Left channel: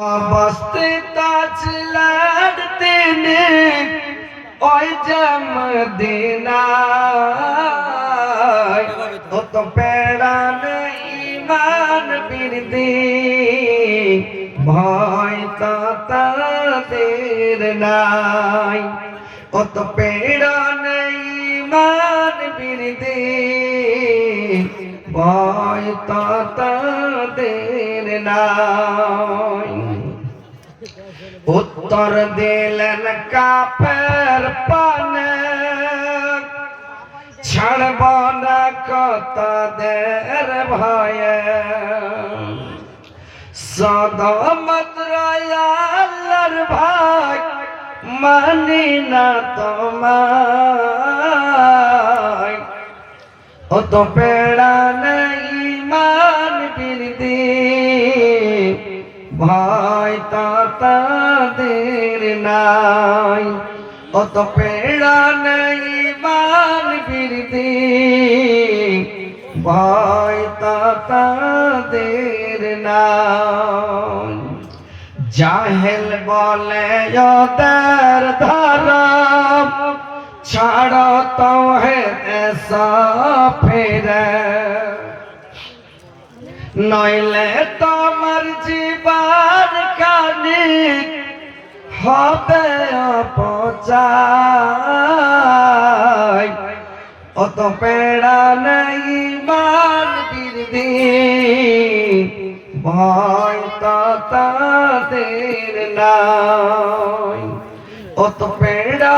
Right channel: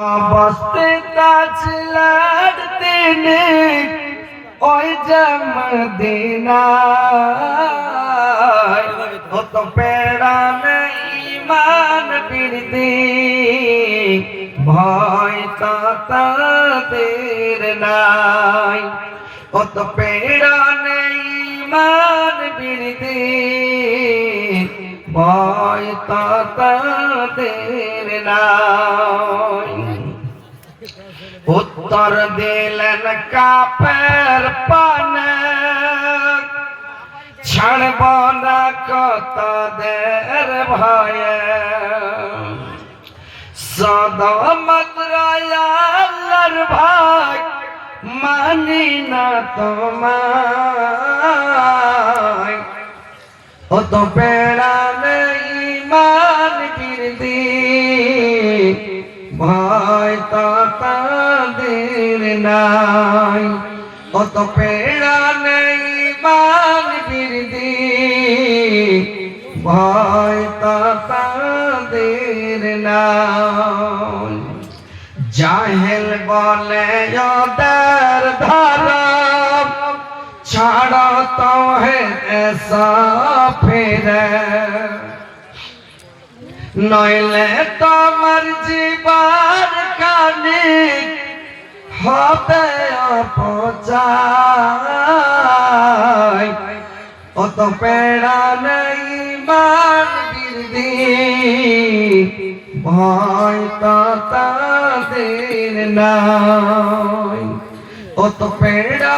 बस्ते ताज लड़ते ने ओए जमदीना ओ तो पेड़ा ईमान बिरदी भय ताদের নাই ओ तो पेड़ा ईमान बिरदी ভয় তাদের নাই উত্তর দিলেন কাফের পানে ছাড়ব না তাদের ভয়ে সদমত আল্লাহর ভাই মানি না তোমায় ও তো পেড়া ईमान बिरदी ভয় তাদের নাই ও তো পেড়া ईमान बिरदी ভয় তাদের নাই জাহেল বলে ওদের ধর্ম ছাড়ো তো হে ऐसा ফিরে নইলে তোমার জীবন কানে হবে অপচয় ও তো পেড়া ईमान बिरदी ভয় তাদের নাই ও তো পেড়া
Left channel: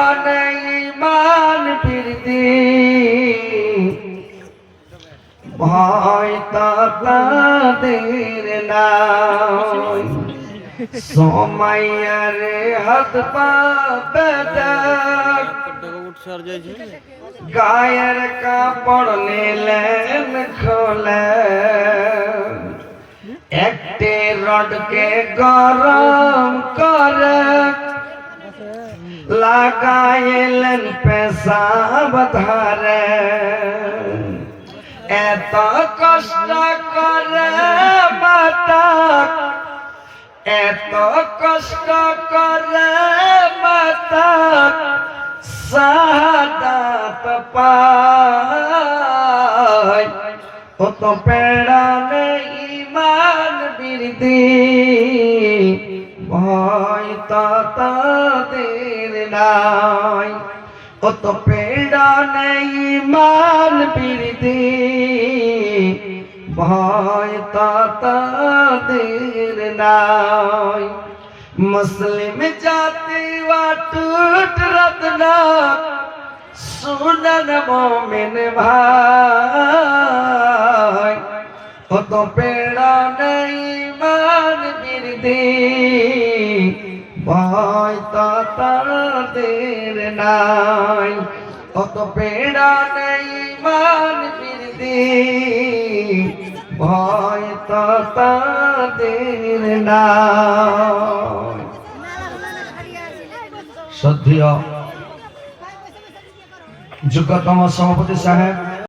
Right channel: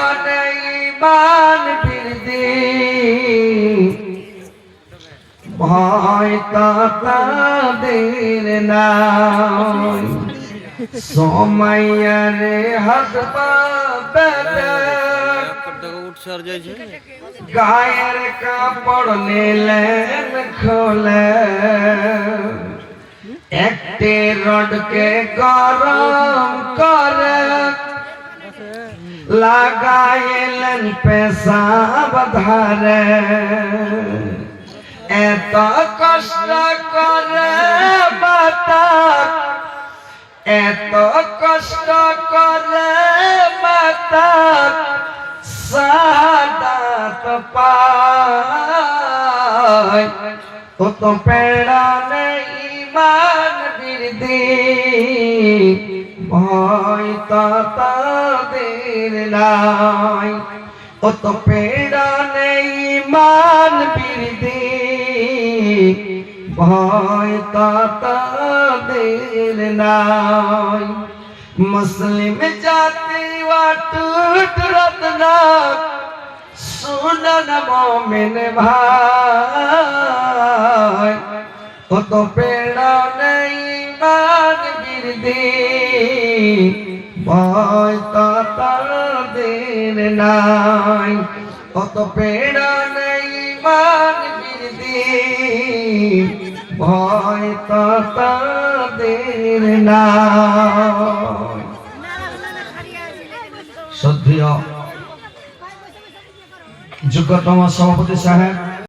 ईमान बिरदी ভয় তাদের নাই সময়ের হাত পাবে গায়ের কাপড় নিলেন খোলে একটি রডকে গরম করে লাগাইলেন পেশাব ধারে এত কষ্ট করে মাতা এত কষ্ট করে মাতা শাহাদাত পায় ও তো পেড়া ईमान बिरदी ভয় তাদের নাই ও তো পেড়া ईमान बिरदी ভয় তাদের নাই মুসলিম জাতি অটুট রত্ন শুনন মোমিন ভাই ও তো পেড়া ईमान बिरदी ভয় তাদের নাই ও তো পেড়া ईमान बिरदी ভয় তাদের নাই শ্রদ্ধেয় যোগ্যতম সভাপতি সাহেব